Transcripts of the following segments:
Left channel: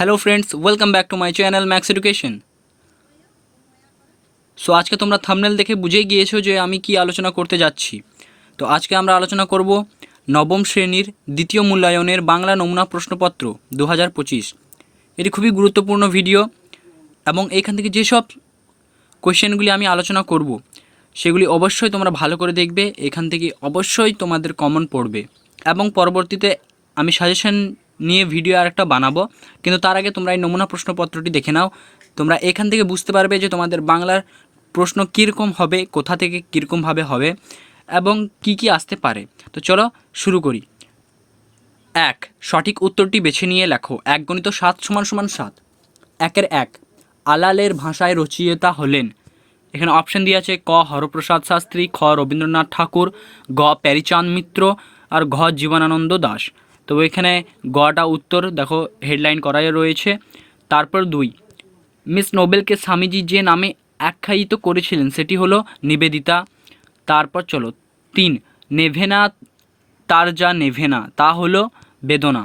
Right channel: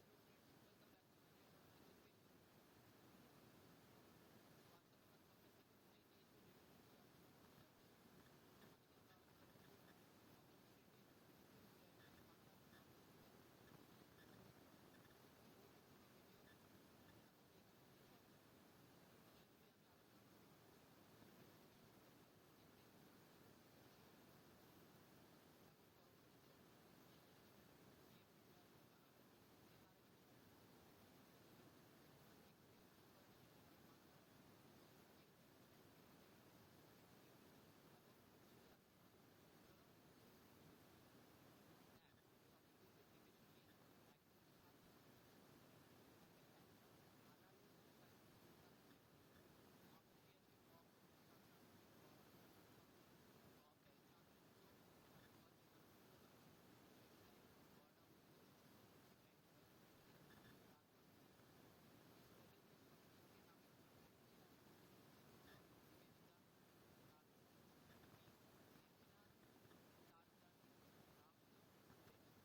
Hello friends, welcome back to my channel max education. So আজকে তোমরা thumbnail দেখে বুঝেই গিয়েছো যে আমি কি আলোচনা করতে যাচ্ছি। তো আজকে আমরা আলোচনা করব নবম শ্রেণীর দ্বিতীয় মূল্যায়নের বাংলা নমুনা প্রশ্নপত্র 2025। এটি খুবই গুরুত্বপূর্ণ ভিডিও এবং এইখান থেকে যেসব কোয়েশ্চেনগুলি আমি আলোচনা করব সেগুলি অবশ্যই তোমরা ভালো করে দেখবে। এখান থেকে অবশ্যই তোমাদের কমন পড়বে এবং পরবর্তীতে আমি সাজেশন নিয়ে ভিডিও আরেকটা বানাবো, কিন্তু তার আগে তোমরা এই নমুনা প্রশ্নপত্রটি দেখে নাও। তোমরা এখান থেকে বুঝতে পারবে যে তোমাদের বাংলার প্রশ্ন কীরকম হবে, কোথা থেকে কীরকমভাবে হবে এবং কি কি আসতে পারে। তো চলো শুরু করি। 1, সঠিক উত্তরটি বেছে নিয়ে লেখো। 1 × 7 = 7। 1 আলালের ভাষায় রচয়িতা হলেন। এখানে অপশান দিয়ে আছে ক হরপ্রসাদ শাস্ত্রী, খ রবীন্দ্রনাথ ঠাকুর, গ প্যারীচাঁদ মিত্র আর ঘ জীবনানন্দ দাশ। তো এখানে গটা উত্তর দেখো হেডলাইন করাই রয়েছে। তারপর 2, মিস নোবেলকে স্বামীজি যে নামে আখ্যায়িত করেছিলেন সেটি হলো নিবেদিতা। তারপর চলো 3, নেভেনা তার যা নেভেনা তা হলো বেদনা।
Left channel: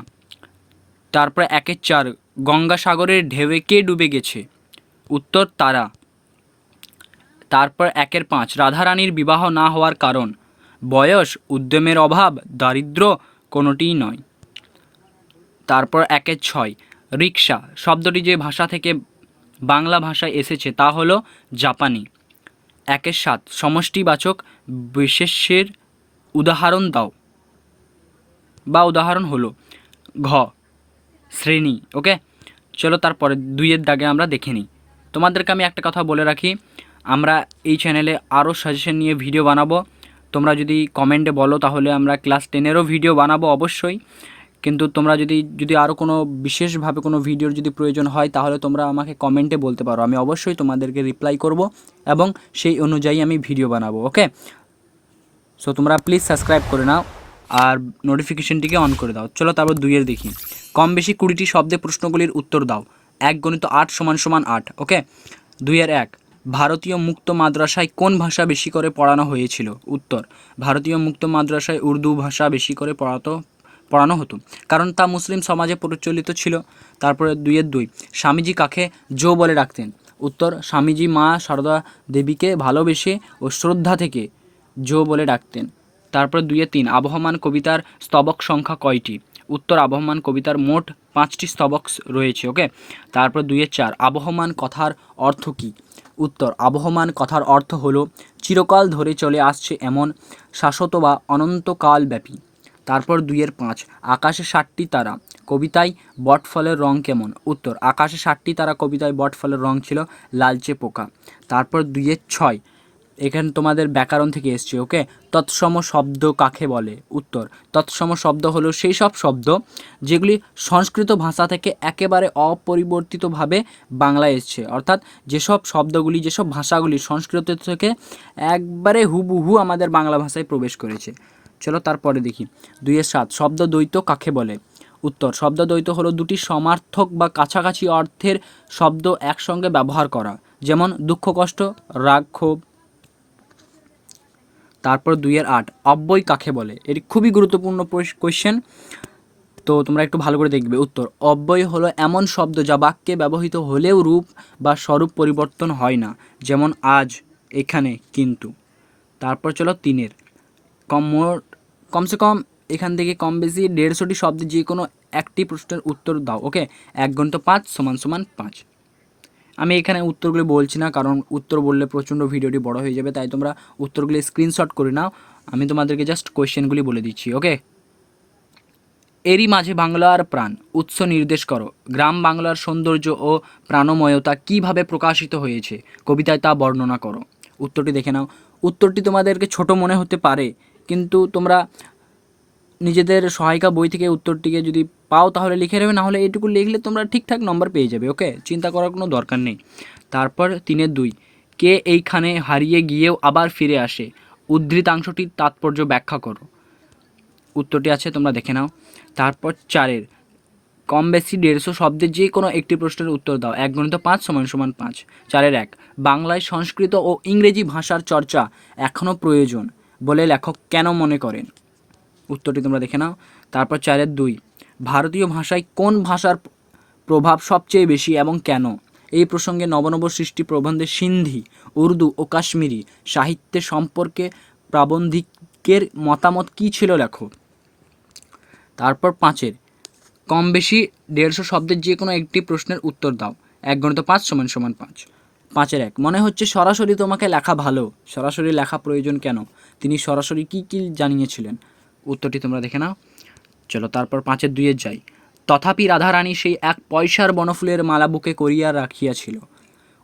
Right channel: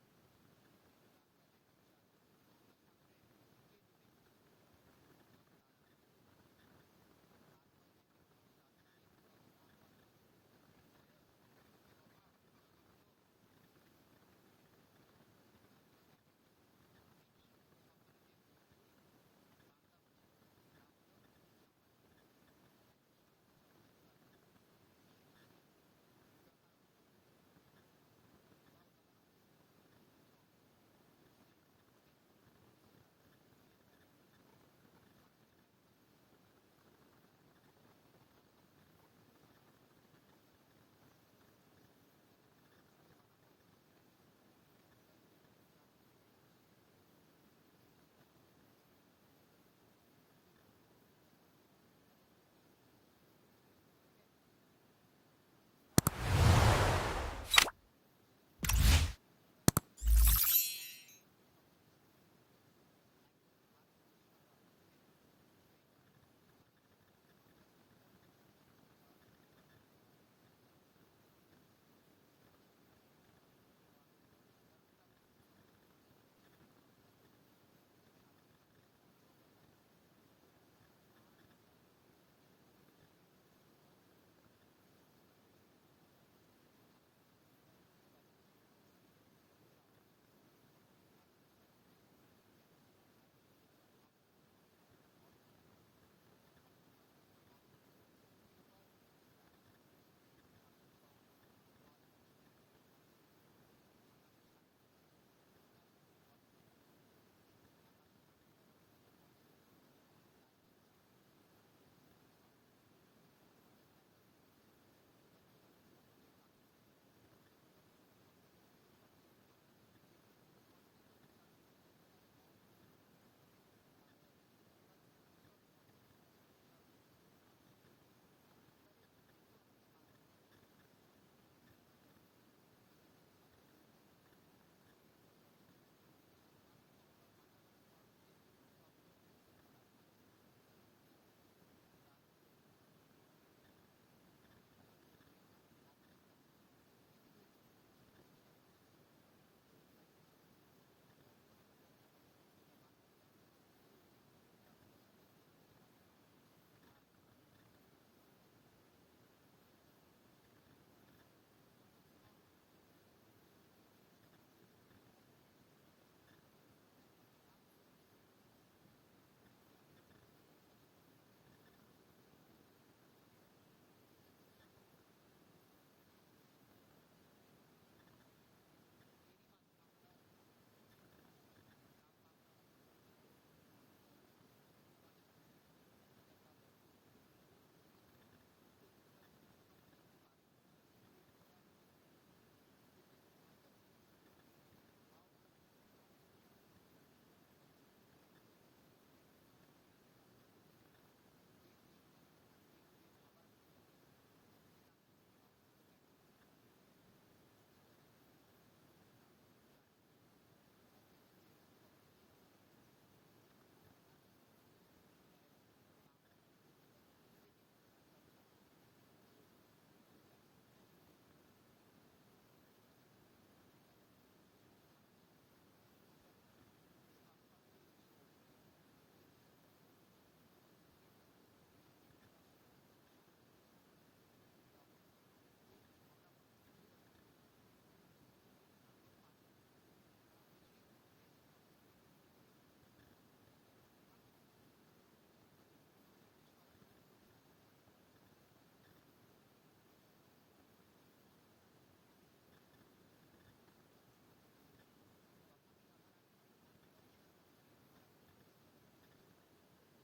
তারপর 1-4, গঙ্গাসাগরের ঢেউয়ে কে ডুবে গেছে? উত্তর তারা। তারপর 1-5, রাধারানীর বিবাহ না হওয়ার কারণ? বয়স, উদ্যমের অভাব, দারিদ্র্য, কোনোটিই নয়। তারপর 1-6, রিক্সা শব্দটি যে ভাষা থেকে বাংলা ভাষায় এসেছে তা হলো জাপানি। 1-7, সমষ্টিবাচক বিশেষ্যের উদাহরণ দাও বা উদাহরণ হলো ঘ শ্রেণী। ওকে, চলো তারপরে 2-এর দাগে আমরা দেখে নিই। তোমাদেরকে আমি একটা কথা বলে রাখি, আমরা এই চ্যানেলে আরও সাজেশন নিয়ে ভিডিও বানাবো। তোমরা যদি কমেন্টে বলো তাহলে আমরা ক্লাস 10-এরও ভিডিও বানাবো অবশ্যই, কিন্তু তোমরা যদি আরও কোনো বিশেষভাবে কোনো ভিডিওর যদি প্রয়োজন হয় তাহলে তোমরা আমাকে কমেন্টে বলতে পারো, আমি অবশ্যই তোমাদেরকে রিপ্লাই করব এবং সেই অনুযায়ী আমি ভিডিও বানাবো। ওকে, সো তোমরা প্লিজ সাবস্ক্রাইব করে নাও আর নোটিফিকেশনটিকে অন করে দাও। চলো তারপর 2-এর দেখি। কম বেশি 20টি শব্দে প্রশ্নগুলির উত্তর দাও। 1 × 8 = 8। ওকে, 2-1, ভারতীয় মুক্ত মাদ্রাসায় কোন ভাষা বেশি করে পড়ানো হয়েছিল? উত্তর, ভারতীয় মুক্ত মাদ্রাসায় উর্দু ভাষা বেশি করে পড়ানো হতো, কারণ তা মুসলিম সমাজে প্রচলিত ছিল। তারপরে 2-2, স্বামীজি কাকে জো বলে ডাকতেন? উত্তর, স্বামীজি মা সারদা দেবীকে ভালোবেসে ও শ্রদ্ধা থেকে জো বলে ডাকতেন। তারপর 2-3, আবহমান কবিতার স্তবক সংখ্যা কয়টি? উত্তর, আবহমান কবিতার মোট 5টি স্তবক রয়েছে। ওকে, তারপর 2-4, আবহমান কথার অর্থ কী? উত্তর, আবহমান কথার অর্থ হলো চিরকাল ধরে চলে আসছে এমন, শাশ্বত বা অনন্তকালব্যাপী। তারপর 2-5, আকাশে 7টি তারা কবিতায় বটফলের রং কেমন? উত্তর, আকাশে 7টি তারা কবিতায় বটফলের রং ছিল লালচে পোকা। তারপর 2-6, এখানে তোমাদের ব্যাকরণ থেকে এসছে। ওকে, তৎসম শব্দ কাকে বলে? উত্তর, তৎসম শব্দ হলো সেই সব শব্দ যেগুলি সংস্কৃত ভাষা থেকে একেবারে অপরিবর্তিতভাবে বাংলায় এসছে, অর্থাৎ যেসব শব্দগুলি যেসব ভাষাগুলি সংস্কৃত থেকে একবারে হুবহু আমাদের বাংলা ভাষায় প্রবেশ করেছে। চলো তারপরে দেখি। 2-7, শব্দ দ্বৈত কাকে বলে? উত্তর, শব্দ দ্বৈত হলো দুটি সমার্থক বা কাছাকাছি অর্থের শব্দ একসঙ্গে ব্যবহার করা, যেমন দুঃখ, কষ্ট, রাগ, ক্ষোভ। তারপর 2-8, অব্যয় কাকে বলে? এটি খুবই গুরুত্বপূর্ণ কোয়েশ্চেন, তো তোমরা একটু ভালো করে দেখবে। উত্তর, অব্যয় হলো এমন শব্দ যা বাক্যে ব্যবহৃত হলেও রূপ বা স্বরূপ পরিবর্তন হয় না, যেমন আজ, এখানে, কিন্তু। তারপর চলো 3-এর, কমসে কম এখান থেকে কম বেশি 150টি শব্দে যে কোনো একটি প্রশ্নের উত্তর দাও। ওকে, 1 × 5 = 5। আমি এখানে উত্তরগুলি বলছি না, কারণ উত্তর বললে প্রচণ্ড ভিডিওটি বড় হয়ে যাবে, তাই তোমরা উত্তরগুলি স্ক্রিনশট করে নাও। আমি তোমাদেরকে জাস্ট কোয়েশ্চেনগুলি বলে দিচ্ছি। ওকে, এরই মাঝে বাংলার প্রাণ উৎস নির্দেশ করো। গ্রাম বাংলার সৌন্দর্য ও প্রাণময়তা কীভাবে প্রকাশিত হয়েছে কবিতায় তা বর্ণনা করো। উত্তরটি দেখে নাও। উত্তরটি তোমাদেরকে ছোট মনে হতে পারে, কিন্তু তোমরা নিজেদের সহায়িকা বই থেকে উত্তরটিকে যদি পাও তাহলে লিখে নেবে, নাহলে এইটুকু লিখলে তোমরা ঠিকঠাক নম্বর পেয়ে যাবে। ওকে, চিন্তা করার কোনো দরকার নেই। তারপর 3-2, কে এইখানে হারিয়ে গিয়েও আবার ফিরে আসে? উদ্ধৃতাংশটির তাৎপর্য ব্যাখ্যা করো। উত্তরটি আছে, তোমরা দেখে নাও। তারপর 4-এর, কম বেশি 150 শব্দের যে কোনো একটি প্রশ্নের উত্তর দাও। 1 × 5 = 5। 4-1, বাংলায় সংস্কৃত ও ইংরেজি ভাষার চর্চা এখনও প্রয়োজন বলে লেখক কেন মনে করেন? উত্তরটি তোমরা দেখে নাও। তারপর 4-2, ভারতীয় ভাষায় কোন ভাষার প্রভাব সবচেয়ে বেশি এবং কেন? এই প্রসঙ্গে নবনব সৃষ্টি প্রবন্ধে সিন্ধি, উর্দু ও কাশ্মীরি সাহিত্যের সম্পর্কে প্রাবন্ধিকের মতামত কী ছিল লেখো। তারপর 5 কম বেশি 150 শব্দের যে কোনো একটি প্রশ্নের উত্তর দাও। 1 × 5 = 5। 5 মনে হচ্ছে সরাসরি তোমাকে লেখা ভালো। সরাসরি লেখা প্রয়োজন কেন? তিনি সরাসরি কি কি জানিয়েছিলেন? উত্তরটি তোমরা দেখে নাও। চলো তারপর 5 যাই। তথাপি রাধারানী সেই 1 পয়সার বনফুলের মালা বুকে করিয়া রাখিয়াছিল।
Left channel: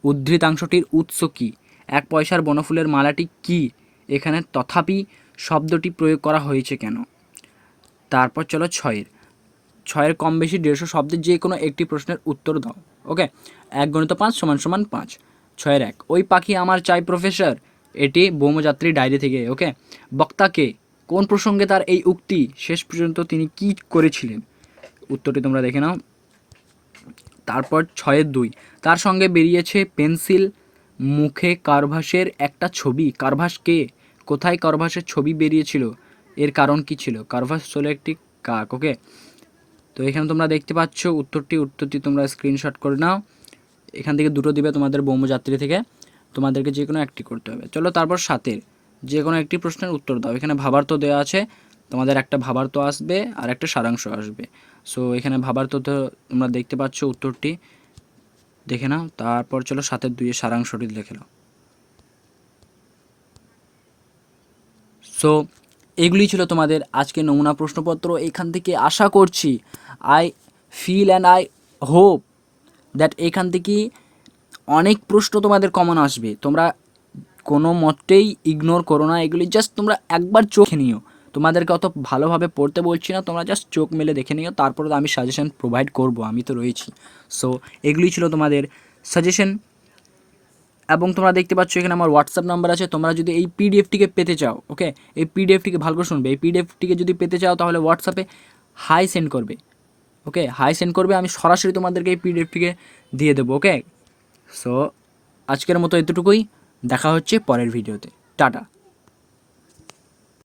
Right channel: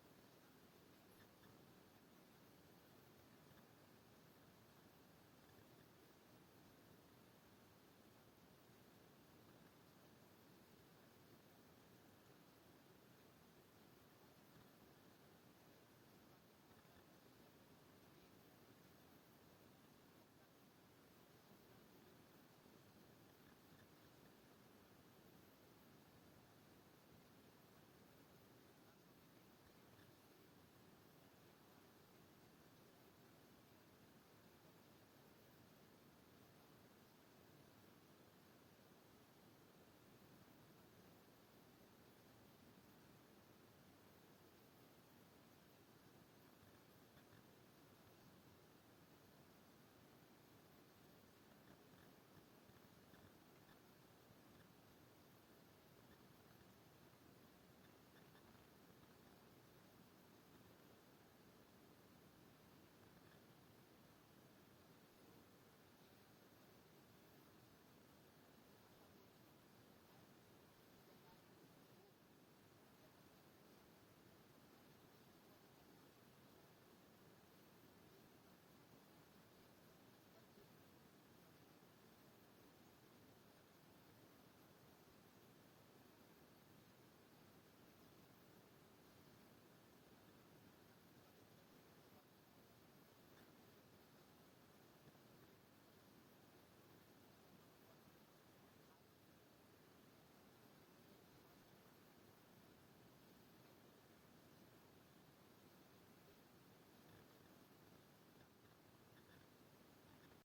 উদ্ধৃতাংশটির উৎস কি? 1 পয়সার বনফুলের মালাটি কি? এখানে তথাপি শব্দটি প্রয়োগ করা হয়েছে কেন? তারপর চলো 6 কম বেশি 150 শব্দের যে কোনো একটি প্রশ্নের উত্তর দাও। ওকে, 1 × 5 = 5। 6 ওই পাখি আমার চাই প্রফেসর, এটি ব্যোমযাত্রী ডায়েরি থেকে। ওকে, বক্তাকে কোন প্রসঙ্গে তার এই উক্তি? শেষ পর্যন্ত তিনি কি করেছিলেন? উত্তরটি তোমরা দেখে নাও। তারপর 6 তার সঙ্গে বেরিয়েছে পেন্সিল মুখে কারভাসের একটা ছবি। কারভাস কে? কোথায় কারভাসের ছবি বেরিয়েছিল? এর কারণ কি ছিল? কারভাস হলো একটি কাক। ওকে, তো এখানে তোমরা দেখতে পাচ্ছ উত্তরটি তোমরা স্ক্রিনশট করে নাও। এখান থেকে দুটো দিবে তোমাদের ব্যোমযাত্রী থেকে, তোমাদেরকে যে কোনো একটি করতে হবে। চলো তারপর 7 যে কোনো একটি প্রশ্নের উত্তর দাও। এখানে ভাবার্থ দেওয়া আছে, তোমাদের একটা ভাবার্থ আসবে আর একটা সারাংশ আসবে। সো এখানে ভাবার্থ তো তোমরা দেখতে পাচ্ছ, উত্তরটি দেখে নাও। তারপর চলো 7 সারাংশটি লিখে নাও। সো এগুলি ছিল তোমাদের আজকে নমুনা প্রশ্নপত্র। এখান থেকে আশা করছি, I feel and I hope that এখান থেকে অনেক প্রশ্ন তোমাদের কমন আসবে। তোমরা কোনো মতেই ইগনোর করো না এগুলি, জাস্ট তোমরা একবার চোখে নিও। তোমাদেরকে অত ভালোভাবে পড়তে বলছি না, তোমরা জাস্ট চোখ মেলে দেখে নিও, তারপরে আমি সাজেশন প্রোভাইড করব, আমি তো রয়েছি। সো এগুলি ছিল তোমাদের সাজেশন। এবং তোমরা দেখতে পাচ্ছ এখানে আমার হোয়াটসঅ্যাপ নাম্বার আছে। তোমরা যদি এই পিডিএফটিকে পেতে চাও, ওকে, এই পিডিএফটিকে ভালো করে শুনবে, এই পিডিএফটিকে যদি পেতে চাও তাহলে হোয়াটসঅ্যাপে হাই সেন্ড করবে। ওকে, হাই সেন্ড করবে, আমি সরাসরি তোমাদেরকে এই পিডিএফটিকে দিয়ে দেবো। ওকে, সো আজকের মতো এতটুকুই, দেখা হচ্ছে পরের ভিডিওতে। টাটা।